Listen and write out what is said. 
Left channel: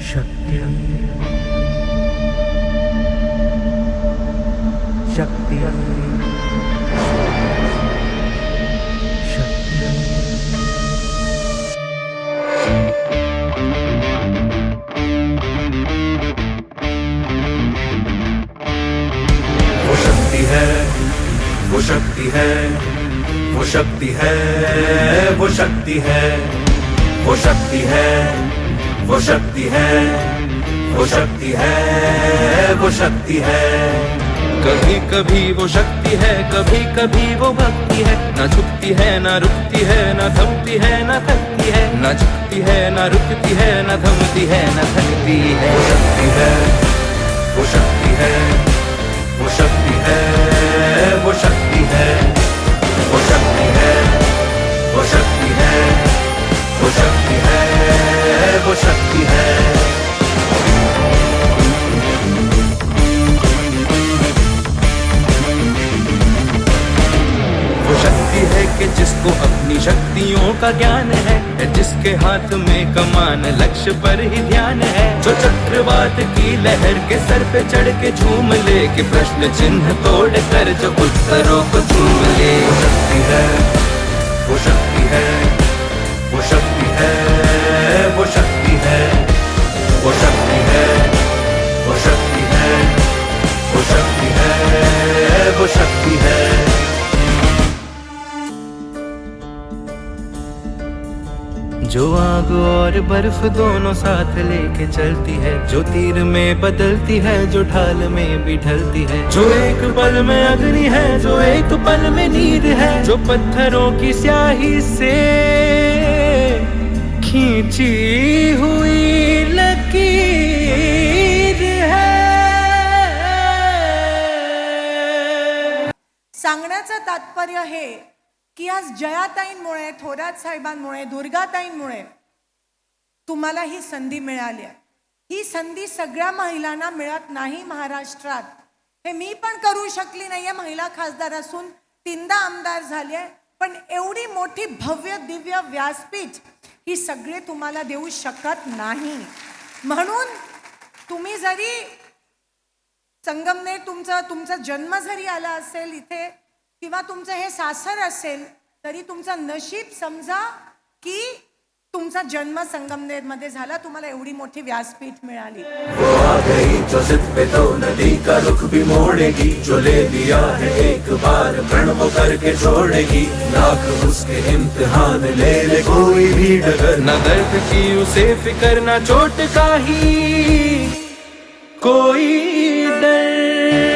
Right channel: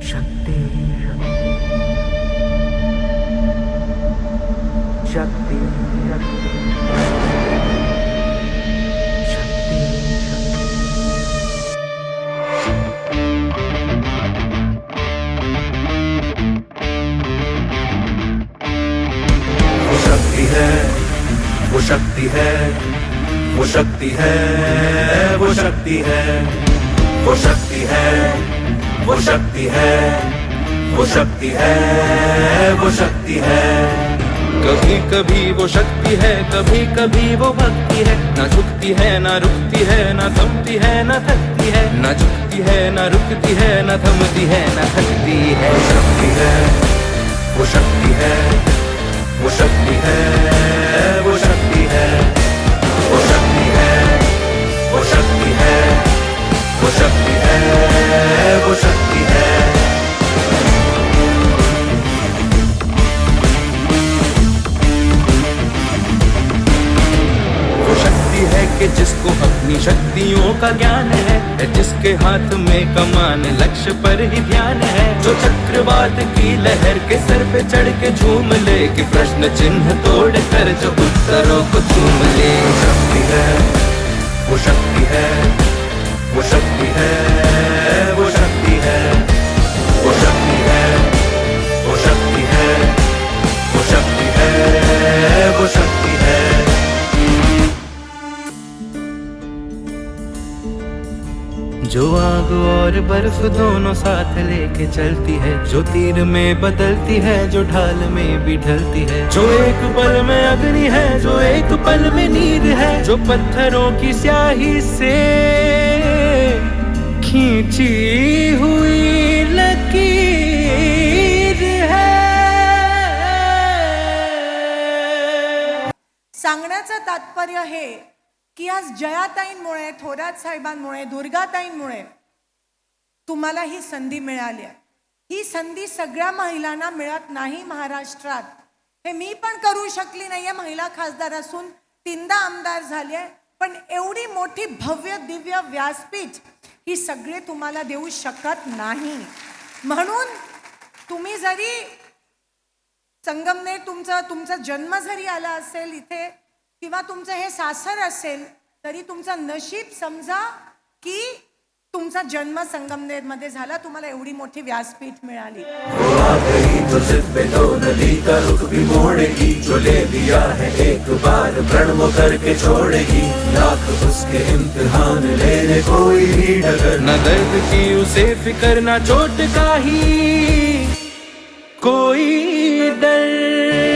शक्ति शक्ति शक्ति वो शक्ति है, वो शक्ति है, वो शक्ति है, वो शक्ति है, वो शक्ति है, वो शक्ति है, वो शक्ति है, वो शक्ति है। कभी कभी वो शक्ति है, कभी कभी वो भक्ति है। ना झुकती है ना रुकती है, ना थमती है ना थकती है। ना झुकती है ना रुकती है, ना थमती है ना थकती है। वो शक्ति है, वो शक्ति है, वो शक्ति है, वो शक्ति है, वो शक्ति है, वो शक्ति है, वो शक्ति है। वो शक्ति है कि जिसको अपनी शक्तियों का ज्ञान है, जिसके हाथ में कमान लक्ष्य पर ही ध्यान है। जो चक्रवात की लहर के सर पे चढ़ के झूम ले, कि प्रश्न चिन्ह तोड़ कर जो उत्तरों को चूम ले। वो शक्ति है, वो शक्ति है, वो शक्ति है, वो शक्ति है, वो शक्ति है, वो शक्ति है, वो शक्ति है। जो आग और बर्फ दोनों साथ लेके चलती है, जो तीर में बदलती है, जो ढाल में भी ढलती है। जो एक पल में अग्नि है, जो एक पल में नीर है। जो पत्थरों की स्याही से खींची हुई लकीर है। सांगण्याचं तात्पर्य हे की आज जयाताईंमुळे, थोरात साहेबांमुळे, दुर्गाताईंमुळे तुम्हाला ही संधी मिळाली आहे. ही संधी सगळ्या महिलांना मिळत नाही महाराष्ट्रात. हे मी पण करू शकली नाहीये, महिला खासदार असून 3दा आमदार झाली आहे. पण एवढी मोठी भव्य दिव्य व्यासपीठ ही सगळे तुम्हाला देऊ शकत नाही. म्हणून तुम्ही जरी संगमनेर तुमचा जन्म जरी आला असेल इथे, किंवा तुमचं हे सासर असेल, तरी तुमचं नशीब समजा की तुमचा जन्म संगमनेर मध्ये झाला, तुम्हाला एवढी मोठी व्यासपीठ मिळाली. वो आ गई जो जिद पे तो नदी का रुख भी मोड़ेगी, जो ले लिया है एक बार प्रण वो करके छोड़ेगी. लाख उसके इम्तिहान लेने कोई भी डगर, न दर्द की उसे फिकर, न चोट का ही कोई डर।